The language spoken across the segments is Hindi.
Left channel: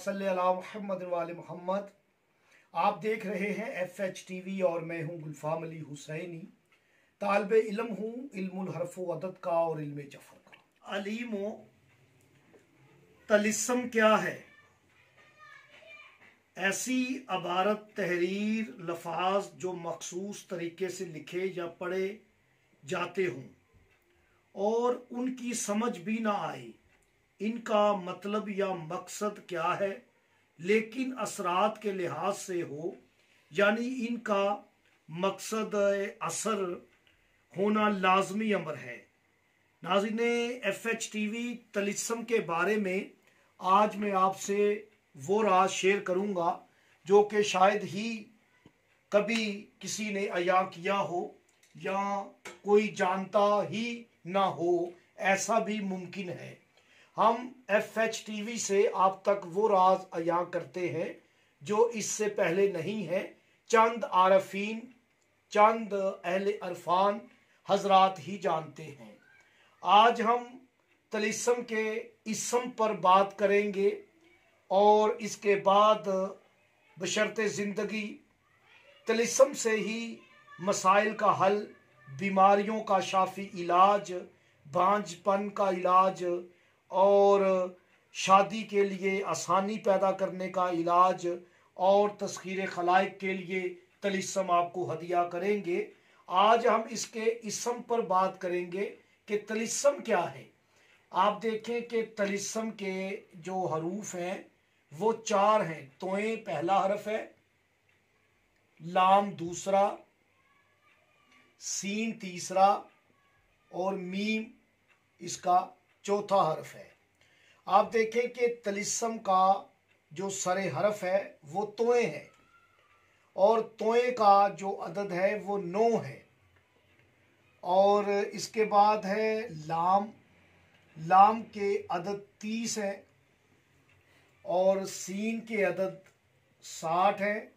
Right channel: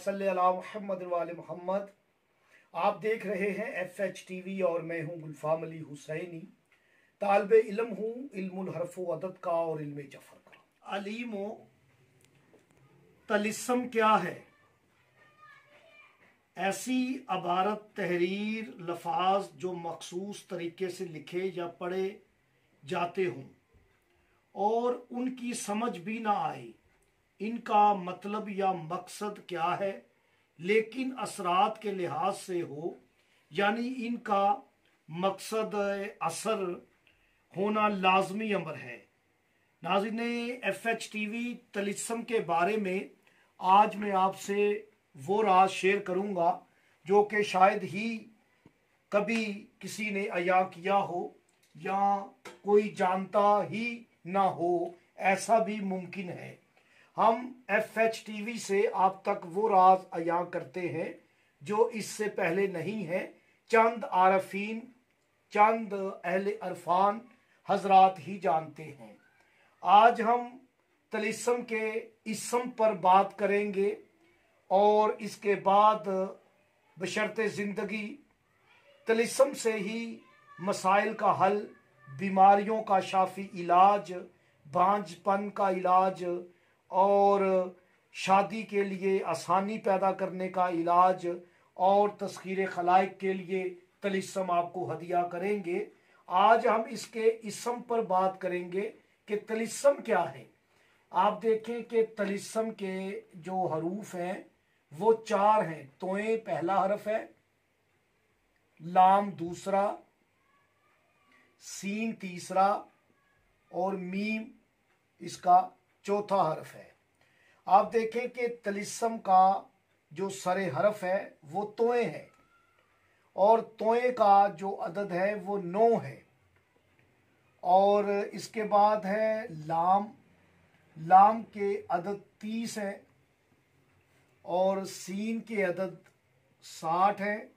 सल्ली अला मुहम्मद वाले मोहम्मद। आप देख रहे हैं FH TV और मैं हूं गुलफाम अली हुसैनी। तालिब इल्म हूं इल्मुल हर्फ व अदद का और इल्म जफर का। अलीमो तलिस्म क्या है? ऐसी अबारत, तहरीर, लफाज जो मखसूस तरीके से लिखे या पढ़े जाते हों और उनकी समझ भी ना आए इनका मतलब या मकसद क्या है, लेकिन असरात के लिहाज से हो, यानी इनका मकसद असर होना लाजमी अमर है। नाज़रीने FH TV तलिस्म के बारे में आज मैं आपसे वो राज शेयर करूंगा जो कि शायद ही कभी किसी ने अया किया हो या कोई जानता ही ना हो, ऐसा भी मुमकिन है। हम FH TV से आप तक वो राज अया करते हैं जो इससे पहले नहीं है। चंद आरफीन, चंद अहले अरफान हजरात ही जानते हैं। आज हम तलिस्म के इस्म पर बात करेंगे और इसके बाद बशर्ते ज़िंदगी तलिस्म से ही मसाइल का हल, बीमारियों का शाफी इलाज, बांझपन का इलाज और शादी के लिए आसानी पैदा करने का इलाज और तस्खीर खलाइक के लिए तलिस्म आपको हदिया करेंगे। आज हम इसके इस्म पर बात करेंगे कि तलिस्म क्या है। आप देखें कि तलिस्म के जो हरूफ हैं वो 4 हैं। तोए पहला हरफ है, लाम दूसरा, सीन तीसरा और मीम इसका चौथा हरफ है। आप देखें कि तलिस्म का जो सरे हरफ है वो तोए है और तोए का जो अदद है वो 9 है। और इसके बाद है लाम, लाम के अदद 30 है और सीन के अदद 60 है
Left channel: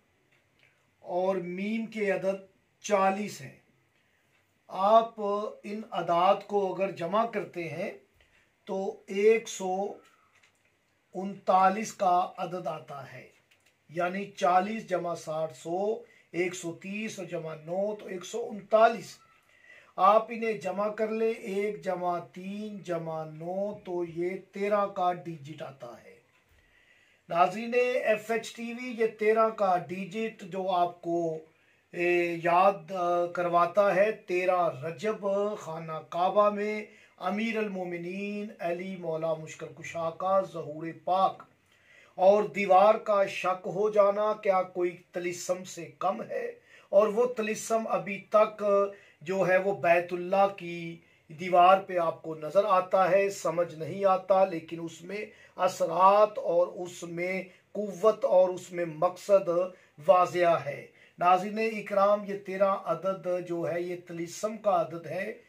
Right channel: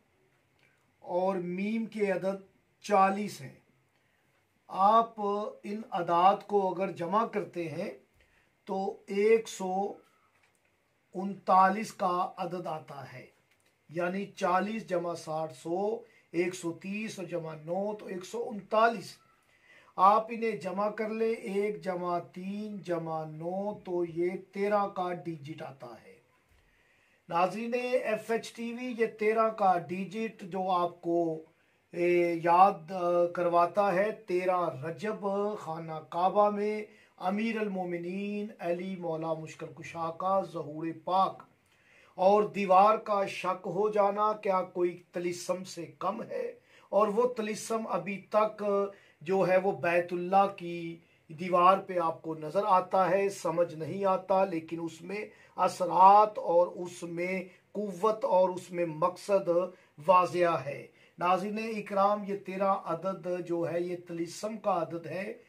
और मीम के अदद 40 है। आप इन अदाद को अगर जमा करते हैं तो 139 का अदद आता है, यानी 40 जमा 60 100, 130 और जमा 9 तो 139। आप इन्हें जमा कर ले, 1 जमा 3 जमा 9 तो ये 13 का डिजिट आता है। नाज़रीने FH TV ये 13 का डिजिट जो आपको याद करवाता है 13 रजब खाना काबा में अमीर अल मोमिनीन अली मौला मुश्किल कुशा का ज़हूर पाक और दीवार का शक हो जाना क्या कोई तलिस्म से कम है। और वो तलिस्म अभी तक जो है वो बैतुल्लाह की दीवार पे आपको नजर आता है, समझ नहीं आता, लेकिन उसमें असरात और उसमें कुव्वत और उसमें मकसद वाज़िया है। नाज़रीने इकराम ये 13 अदद जो है ये तलिस्म का अदद है।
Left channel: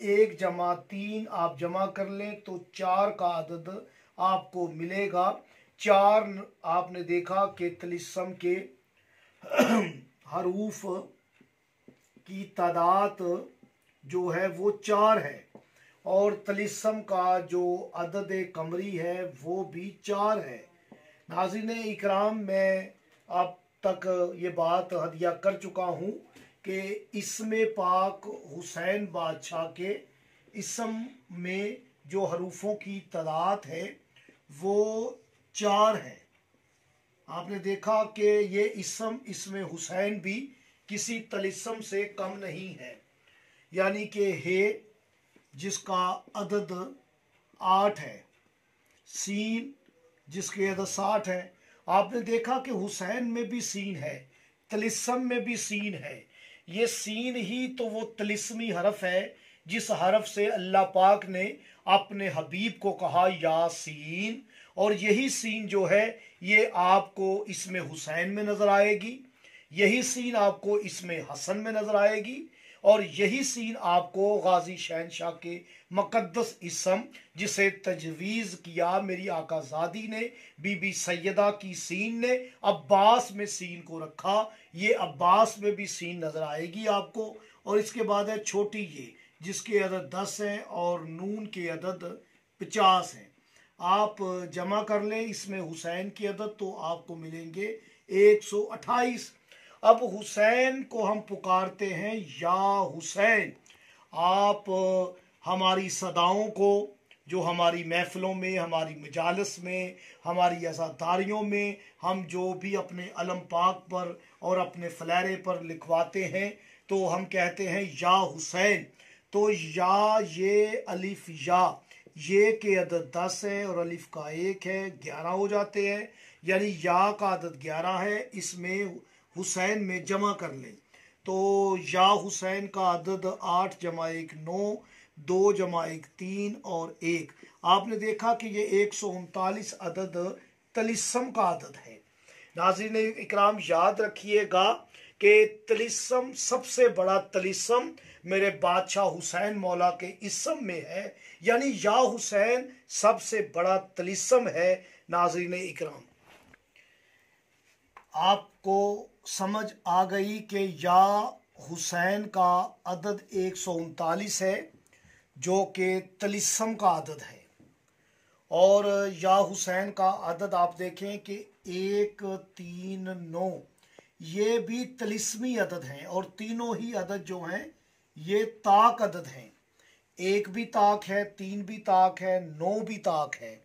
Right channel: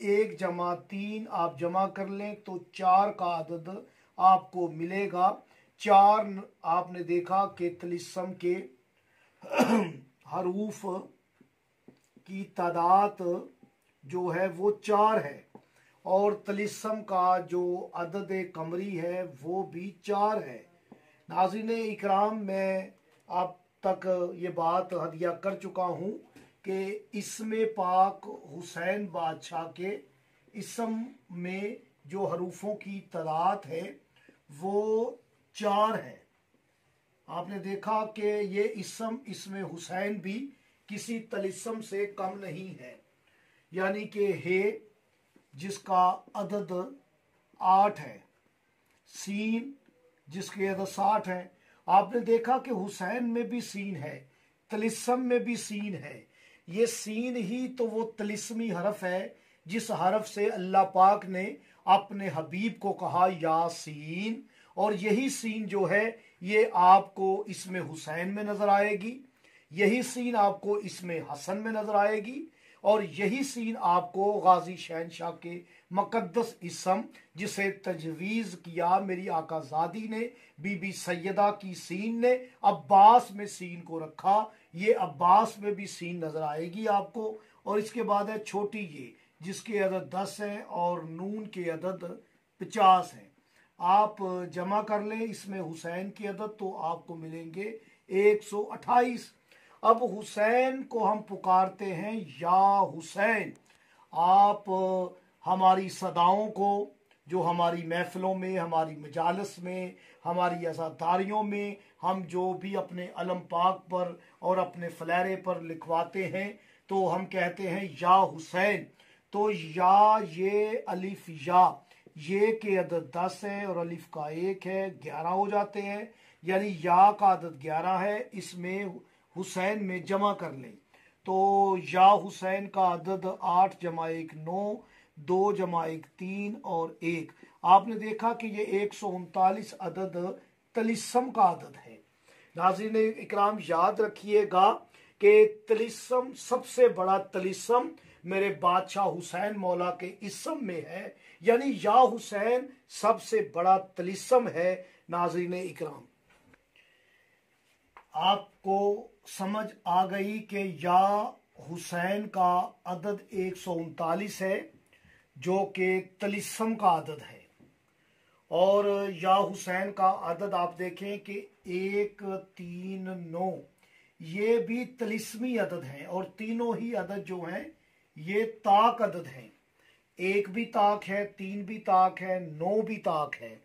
1 जमा 3 आप जमा कर लें तो 4 का अदद आपको मिलेगा। 4 आपने देखा कि तलिस्म के हरूफ की तादाद जो है वो 4 है और तलिस्म का जो अदद कमरी है वो भी 4 है। नाज़रीने इकराम मैं आप तक ये बात हदिया कर चुका हूँ कि इसमें पाक हुसैन बादशाह के इसम में जो हरूफों की तादाद है वो 4 है। आपने देखा कि ये इसम इसमें हुसैन भी किसी तलिस्म से कम नहीं है, यानी कि हे जिसका अदद 8 है, सीन जिसके अदद 60 है। आपने देखा कि हुसैन में भी सीन है, तलिस्म में भी सीन है। ये सीन ही तो वो तलिस्मी हरफ है जिस हरफ से अल्लाह पाक ने अपने हबीब को कहा यासीन, और यही सीन जो है ये आपको इसमें हुसैन में नजर आएगी, यही सीन आपको इसमें हसन में नजर आएगी और यही सीन आपको गाजी शहनशाह के मुकद्दस इसम जिसे तजवीज़ किया मेरी आकाज़ादी ने, बीबी सैयदा की सीन ने, अब्बास में सीन को रखा, ये अब्बास में भी सीन नजर आएगी आपको। और इसके बाद है छोटी ये जिसके अदद 10 है और नून के अदद 50 है। आप जमा कर लें इसमें हुसैन की अदद तो आपको मिलेंगे 128। अब हुसैन को हम पुकारते हैं या हुसैन। आप हमारी सदाओं को जो हमारी महफिलों में, हमारी मजालस में, हमारी अज़ादारियों में हम जो भी अपने अलम पाक पर और अपने फलैरे पर लिखवाते हैं तो हम कहते हैं या हुसैन। तो या, ये अलिफ या, ये के अदद 10 है और अलिफ का 1 है, 11 हो जाते हैं। यानी या का अदद 11 है, इसमें हुसैन में जमा कर लें तो या हुसैन का अदद 8 जमा 1 9, 2 जमा 1 3 और 1। आपने देखा कि ये 139 अदद तलिस्म का अदद है। नाज़रीन इकराम, याद रखिएगा कि तलिस्म, सबसे बड़ा तलिस्म मेरे बादशाह हुसैन मौला के इसम में है, यानी या हुसैन सबसे बड़ा तलिस्म है। नाज़रीन इकराम, आपको समझ आ गई कि या हुसैन का अदद 139 है जो कि तलिस्म का अदद है। और या हुसैन का अदद आप देखें कि 1 3 9, ये भी तलिस्मी अदद हैं और तीनों ही अदद जो हैं ये ताक अदद हैं। 1 भी ताक है, 3 भी ताक है, 9 भी ताक है।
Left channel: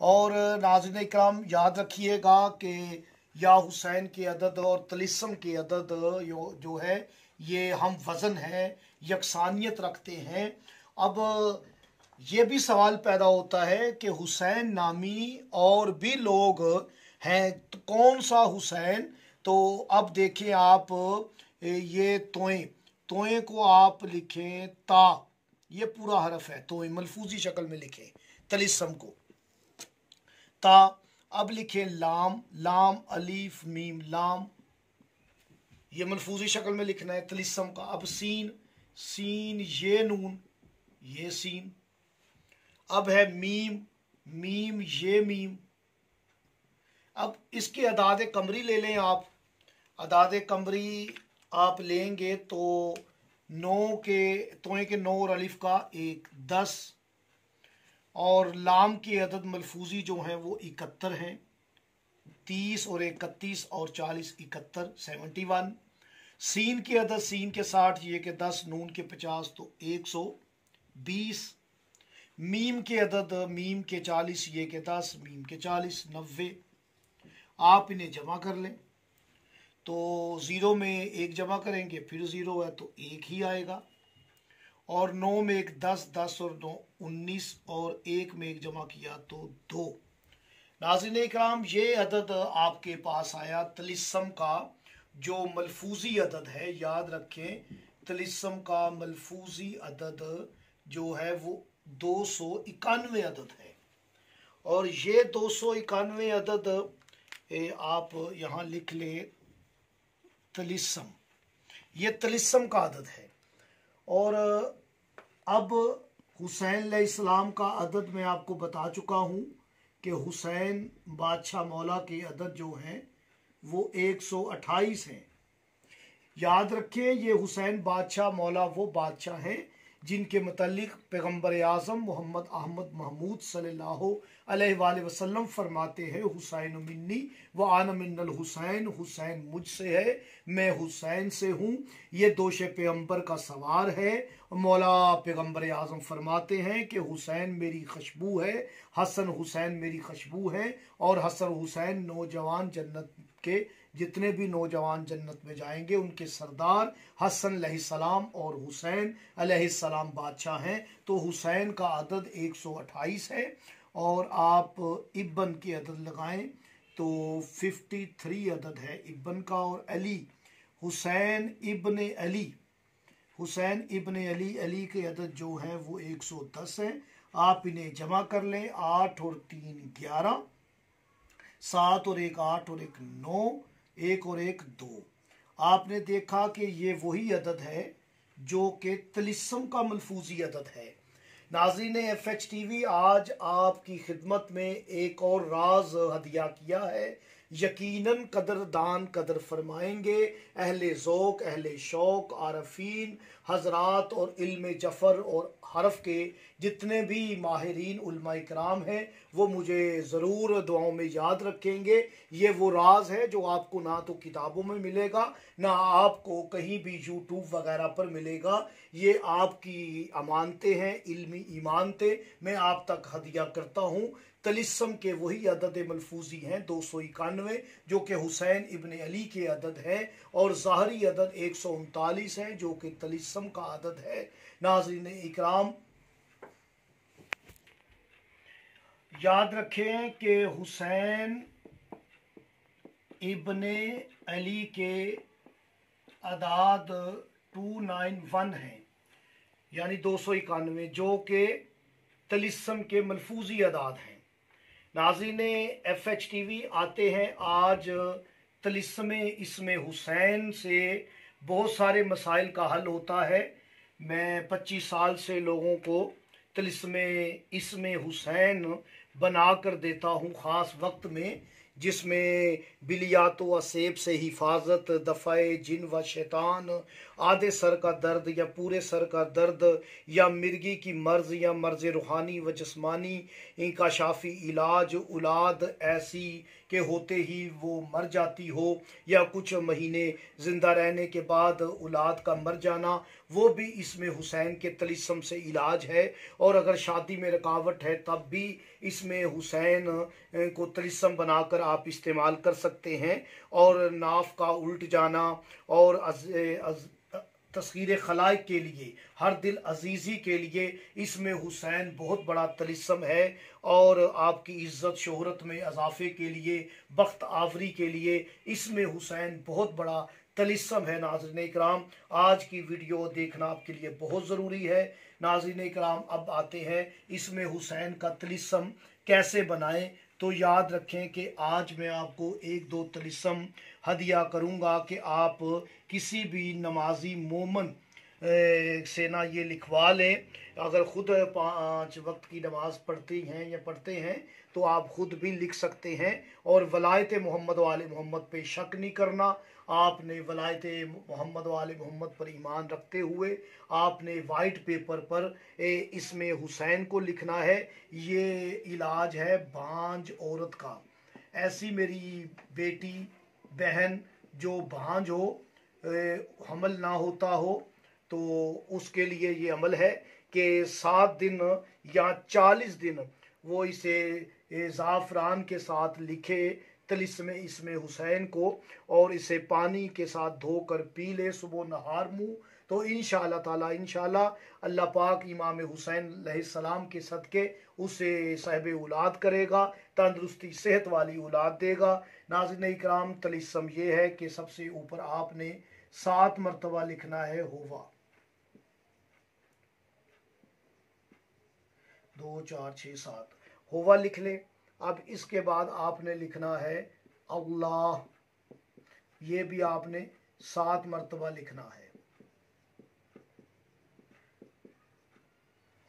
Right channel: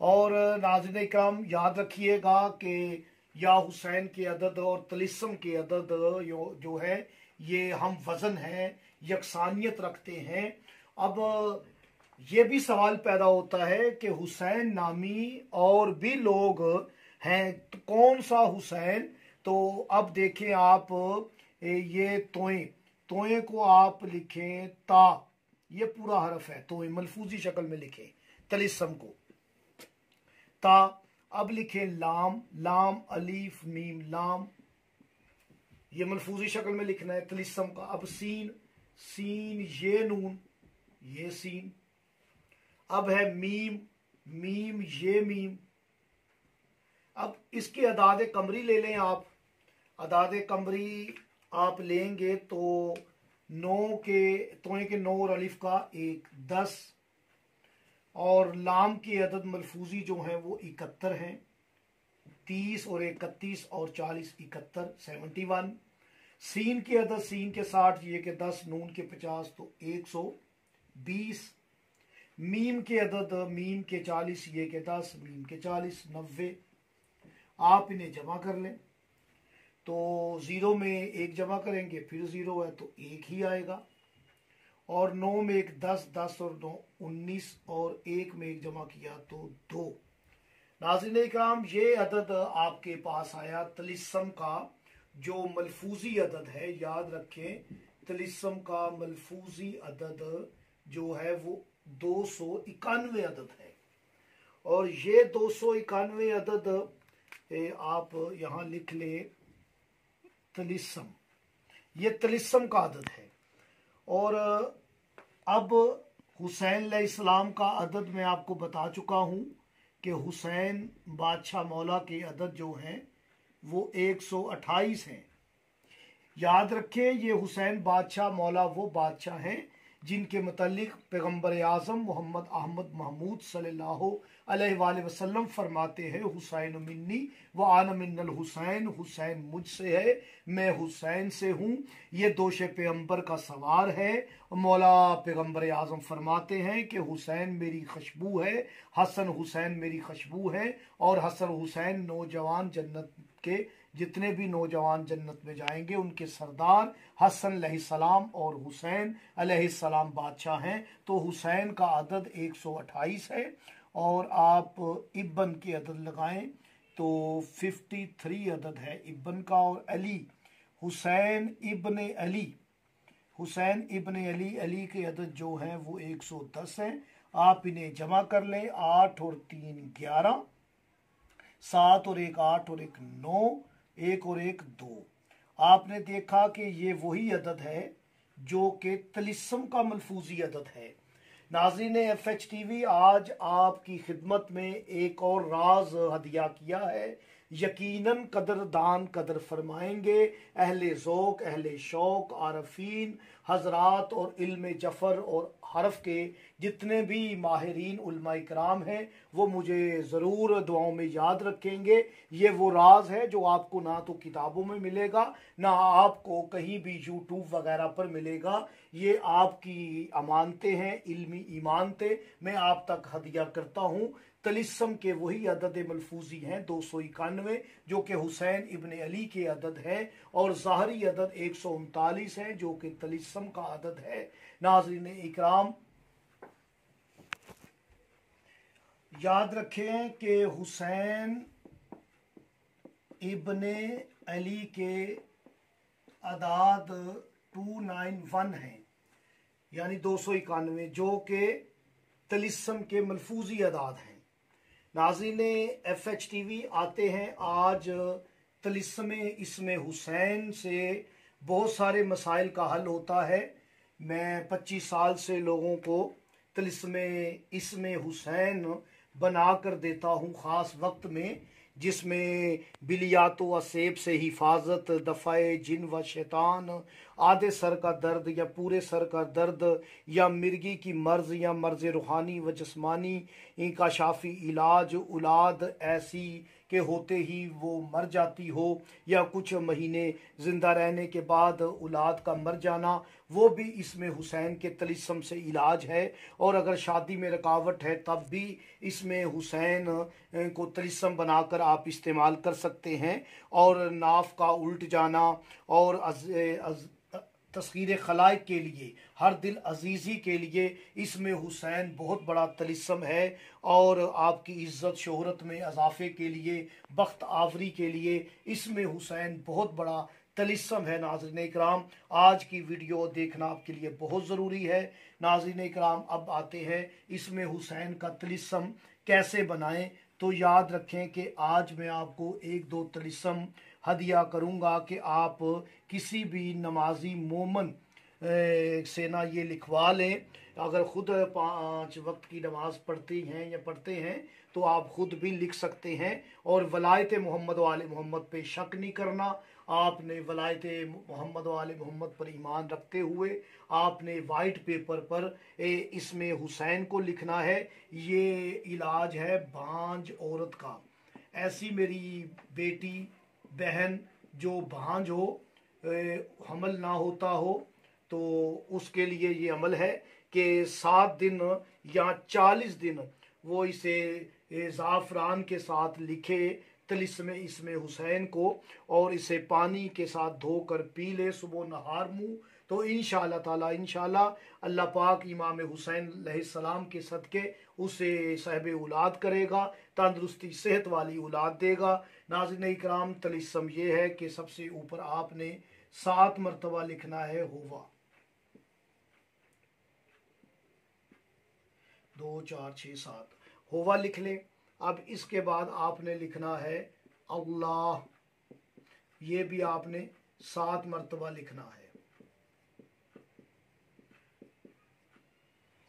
और नाज़रीन इकराम, याद रखिएगा कि या हुसैन के अदद और तलिस्म के अदद जो है ये हम वज़न है, यकसानियत रखते हैं। अब ये भी सवाल पैदा होता है कि हुसैन नामी और भी लोग हैं, तो कौन सा हुसैन? तो अब देखें आप, ये तोए को आप लिखें ता, ये पूरा हरफ है, तोए मलफूजी शक्ल में लिखें तलिस्म को ता। अब लिखें लाम, लाम अलीफ मीम लाम, ये मलफूजी शक्ल में लिखना है तलिस्म का। अब सीन, सीन ये नून, ये सीन। अब है मीम, मीम ये मीम। अब इसके अदाद कमरी ले लें आप। अदाद कमरी आप लेंगे तो 9 के, तोए के 9 और अलिफ का 1 10, और लाम के अदद मलफूजी जो हैं वो 71 हैं, 30 और 31 और 40 71 71। सीन के अदद, सीन के 60, ये के 10, नून के 50 तो 120। मीम के अदद, मीम के 40, ये के 10, मीम के 40 90। आप इन्हें जमा कर लें तो 0 में 1 जमा करेंगे फिर 0 है तो 1 ही आएगा, और 9 में 1 10, 10 और 9 19, और 1 में 1 जमा किया तो 2। नाज़रीन इकराम, ये अदद आपके पास आया तलिस्म का जो मलफूजी अदद है। याद रखें, तलिस्म का मलफूजी अदद जो है वो 291 अदद है, और ये 291 अदद आप यहाँ लिख लें तलिस्म, ये तलिस्म का अदद है। और अब हुसैन अलैहिस्सलाम का अदद मैं आपको बता चुका हूँ कि हुसैन बादशाह मौला के अदद जो हैं वो 128 हैं। याद रखें, ये हुसैन बादशाह मौला वो बादशाह हैं जिनके मुतल्लिक पैगम्बर आज़म मोहम्मद अहमद महमूद सल्लल्लाहु अलैहि वसल्लम फरमाते हैं, हुसैन मिन्नी व आना मिन्नल हुसैन, हुसैन मुझसे है, मैं हुसैन से हूँ। ये दोष पैगम्बर का सवार है। मौला पैगम्बर आज़म फरमाते हैं कि हुसैन मेरी खुशबू है, हसन हुसैन मेरी खुशबू है, और हसन हुसैन नौजवान जन्नत के, जितने भी नौजवान जन्नत में जाएंगे उनके सरदार हसन अलैहिस्सलाम और हुसैन अलैहिस्सलाम बादशाह हैं। तो हुसैन का अदद 128 है, और आप इब्न के अदद लगाएं तो 53 अदद है इब्न का। और अली, हुसैन इब्न अली, हुसैन इब्न अली, अली के अदद जो हैं वो 110 हैं। आप इन्हें जमा कर लें, 8 और 3 11, 7 और 1 8 और 1 9, 1 और 1 2। आपने देखा कि ये वही अदद है जो कि तलिस्म का मलफूजी अदद है। नाज़रीन FH TV, आज आपकी खिदमत में एक और राज हदिया किया है यकीनन कदरदान कदर फरमाएंगे। अहले ज़ौक़, अहले शौक़, आरफीन हजरात और इल्म जफ़र और हरफ के जितने भी माहिरीन उलमा इकराम हैं वो मुझे ज़रूर दुआओं में याद रखेंगे। ये वो राज है जो आपको ना तो किताबों में मिलेगा ना आपको कहीं भी यूट्यूब वगैरह पर मिलेगा। ये आपकी अमानतें हैं, इल्मी ईमानतें मैं आप तक हदिया करता हूँ। तलिस्म के वही अदद मलफूजी हैं 291 जो कि हुसैन इब्न अली के अदद है, और ज़ाहरी अदद 139 है जो कि तलिस्म का अदद है। नाज़रीन इकराम, याद रखें कि हुसैन इब्न अली के अदाद 291 हैं, यानी 291 जो कि तलिस्म के मलफूजी अदाद हैं। नाज़रीन FHTV आते हैं। आज तलिस्म इसमें हुसैन से बहुत सारे मसाइल का हल होता है। मैं 25 साल से लोगों को तलिस्म इसमें हुसैन बना कर देता हूँ ख़ास वक्त में, जिसमें बिलियात व सेब से हिफाजत, दफ़ाए जिन व शैतान, आधे सर का दर्द या पूरे सर का दर्द, या मिर्गी की मर्ज़ या मर्ज़ रूहानी व जिस्मानी का शाफ़ी इलाज, औलाद ऐसी के होते ही वो मर जाती हो या कुछ महीने ज़िंदा रहने के बाद औलाद का मर जाना, वो भी इसमें हुसैन के तलिस्म से इलाज है। और अगर शादी में रुकावट है तब भी इसमें हुसैन को तलिस्म बनाकर आप इस्तेमाल कर सकते हैं। और नाफ का उल्ट जाना और तस्खीर खलाइक के लिए, हर दिल अजीज़ी के लिए इसमें हुसैन बहुत बड़ा तलिस्म है। और आपकी इज़्ज़त शोहरत में इजाफे के लिए, बख्त आवरी के लिए इसमें हुसैन बहुत बड़ा तलिस्म है। नाज़रीन इकराम, आज की वीडियो देखना आपके लिए बहुत ज़रूरी है। नाज़रीन इकराम, अब आते हैं इसमें हुसैन का तलिस्म कैसे बनाएं। तो याद रखें कि आज मैं आपको एक दो तलिस्म हदिया करूंगा कि आप किसी भी नमाजी मोमन से ना ये लिखवा लें। अगर ख़ुद 5 वक्त की नमाज पढ़ती हैं या पढ़ते हैं तो आप ख़ुद भी लिख सकते हैं। और वलायत मोहम्मद वाले मोहम्मद पे शक नहीं करना। आपने वलायत मोहम्मद वाले मोहम्मद पर ईमान रखते हुए आपने वाइट पेपर पर इसमें हुसैन को लिखना है। ये इलाज है भांज औरत का। ऐसी मेरी बेटी बहन जो भांज हो, हमल ना होता हो, तो उसके लिए ये अमल है कि 7 दिन या 40 दिन वो इसे ज़ाफ़रान के साथ लिखे तलिस्म इसमें हुसैन को, और इसे पानी के साथ धोकर पी ले सुबह नहार मुँह। तो इंशाअल्लाह ताला अल्लाह पाक इमाम हुसैन अलैहिस्सलाम के सदके उसे साहिब औलाद करेगा, तंदुरुस्ती सेहत वाली औलाद देगा। नाज़रीन इकराम, तलिस्म ये है कि सबसे ऊपर आपने 7 मरतबा लिखना है होवा। 2 4 6 7 होवा लिख ले। अब इसके बाद आपने लिखना है अल्लाह, ये भी आपने 7 मरतबा लिखना है।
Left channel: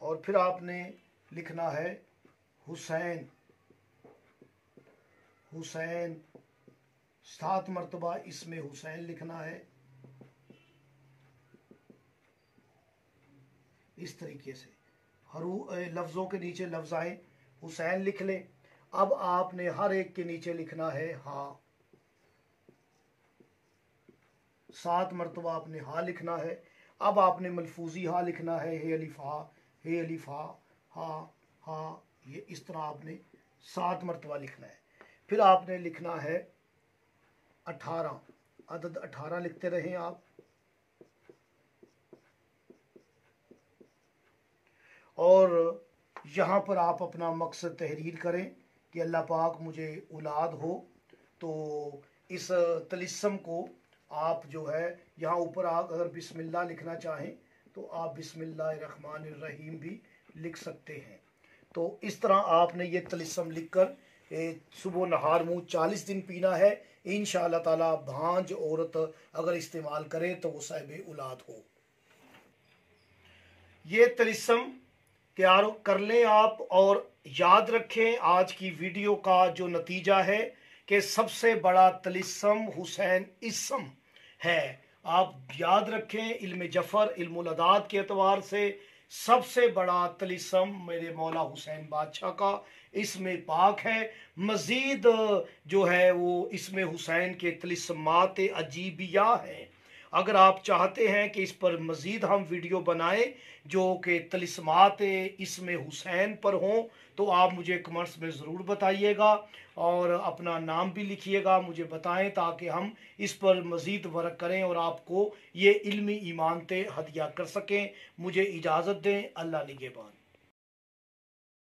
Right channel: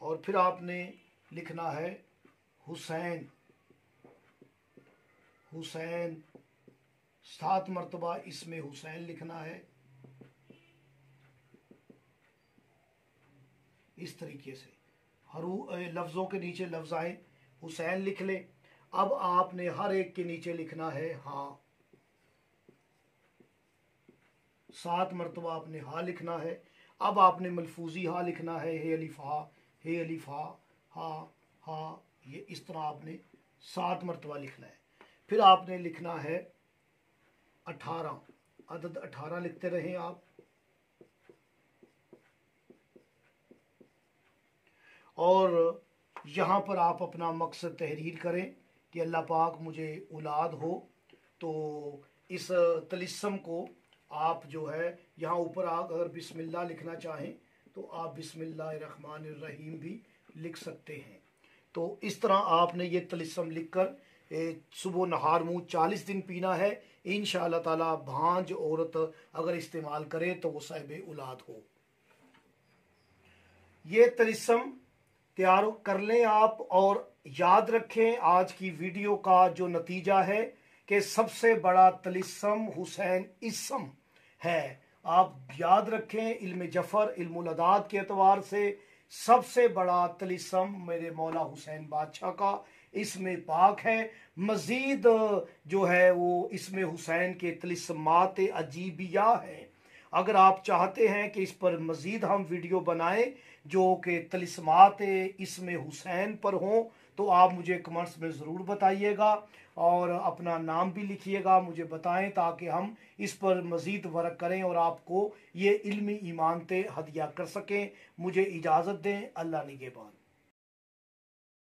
और फिर आपने लिखना है हुसैन, हुसैन 7 मरतबा इसमें हुसैन लिखना है। इस तरीके से लफ्ज़ों के नीचे लफ्ज़ आए, हुसैन लिख ले। अब आपने हर एक के नीचे लिखना है हा। 7 मरतबा आपने हा लिखना है। अब आपने मलफूजी हा लिखना है, हे अलिफ हा, हे अलिफ हा, हा हा, ये इस तरह आपने 7 मरतबा लिखना है। फिर आपने लिखना है 18, अदद 18 लिखते रहें आप। और यहाँ पर आप अपना मकसद तहरीर करें कि अल्लाह पाक मुझे औलाद हो। तो इस तलिस्म को आप जो है यहाँ ऊपर आप अगर बिस्मिल्लाह लिखना चाहें तो आप बिस्मिल्लाहिर्रहमानिर्रहीम भी लिख सकते हैं। तो इस तरह आपने ये तलिस्म लिखकर सुबह नहार मुँह 40 दिन पीना है। इंशाअल्लाह ताला भांज औरत अगर इस्तेमाल करे तो वो साहिब औलाद हो। ये तलिस्म तैयार कर लें आप। और याद रखें आज की वीडियो का जो नतीजा है कि सबसे बड़ा तलिस्म हुसैन इसम है। आप याद रखें, इल्म जफर इल्मुल अदाद के एतबार से सबसे बड़ा तलिस्म मेरे मौला हुसैन बादशाह का इसमें पाक है। मजीद जो है वो इसमें हुसैन के तलिस्मात अजीबिया हैं। अगर आप चाहते हैं कि इस पर मजीद हम वीडियो बनाएं जो कि तलिस्मात इसमें हुसैन पर हों, तो आप मुझे कमेंट्स में ज़रूर बताइएगा और अपना नाम भी लिखिएगा, मुझे बताएं ताकि हम इस पर मज़ीद वर्क करें और आपको ये इल्मी इमानतें हदिया कर सकें। मुझे इजाज़त दें। अल्लाह निगहबान।